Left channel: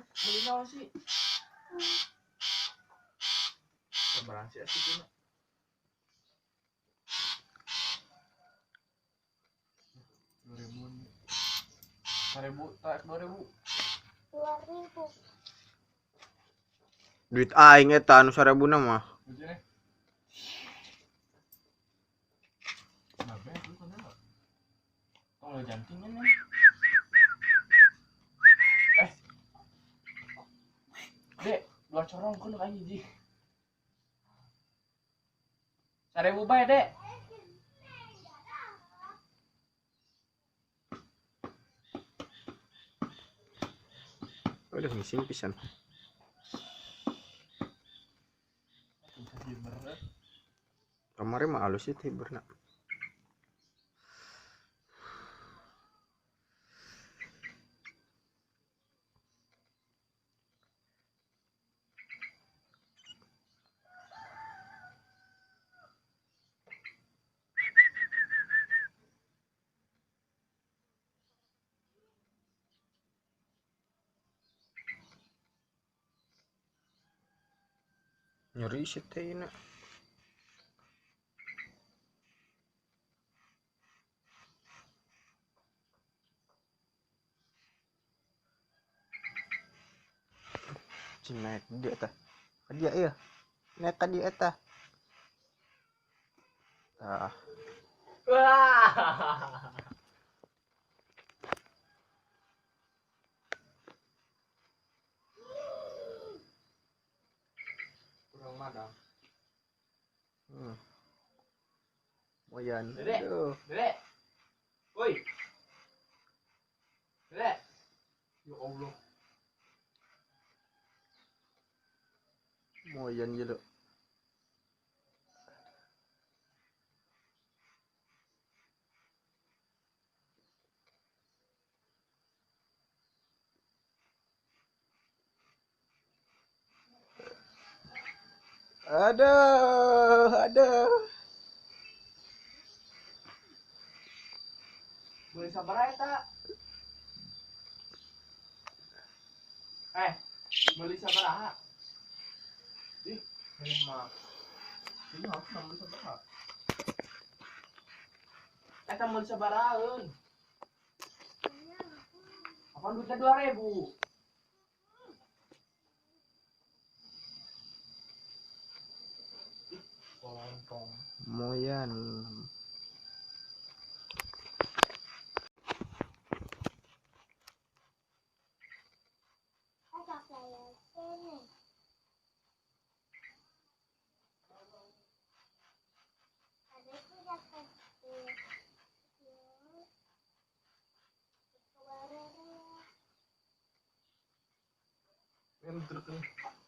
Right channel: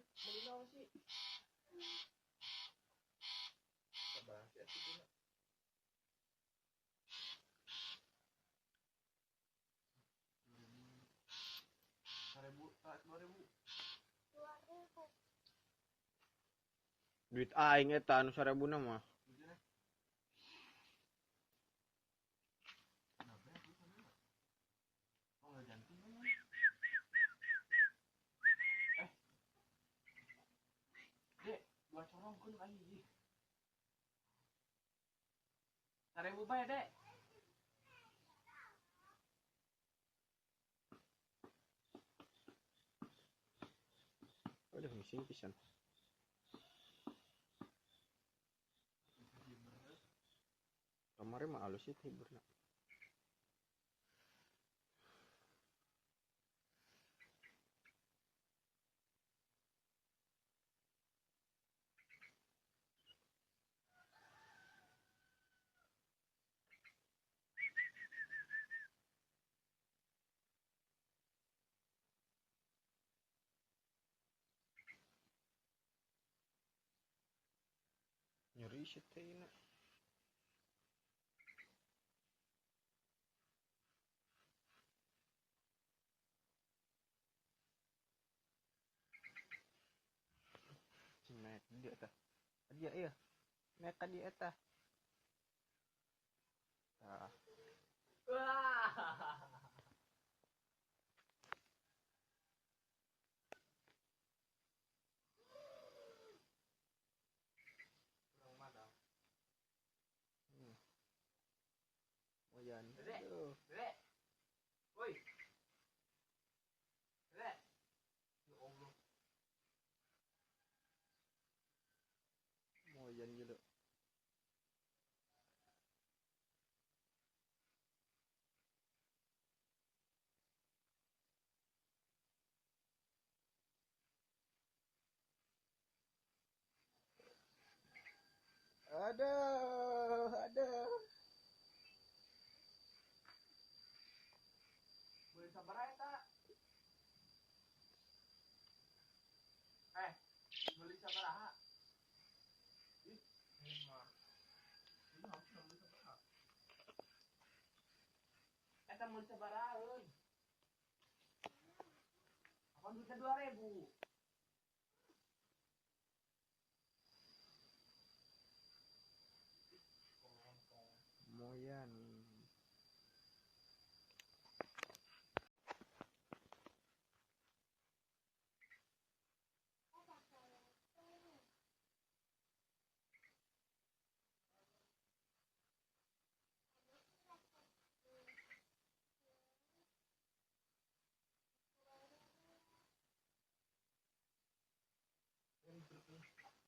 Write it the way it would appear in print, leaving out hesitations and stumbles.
banyak beli naon sih? Seberang sih itu. 1000 tak 2000. 2000. Duit aing eta anu 1000 na mah. Nabe itu kan enggak. Kalau jantingnya nih. Dek, dua corong kan kayak gini. 1000 bae, Dek. Udah ngising pisan. Kemarin mah halus sih tiberna. Nyeri sih teh ini. Naik dia tah. Dia iya. Naik ka dia tah. Tah. Wah. Kurang mana? Moyan. Dedek. Aduh. Dedek. Woi. Dedek. Ya Allah. Moyan je lo. Aduh. Boleh sabar eta. Beli sabaraha? Ih, mah. Ini harus beli sabaraha. Eta beli sabarahaeun. Apa duitnya 2000? Kolontong. Moyan. Yang terkenal.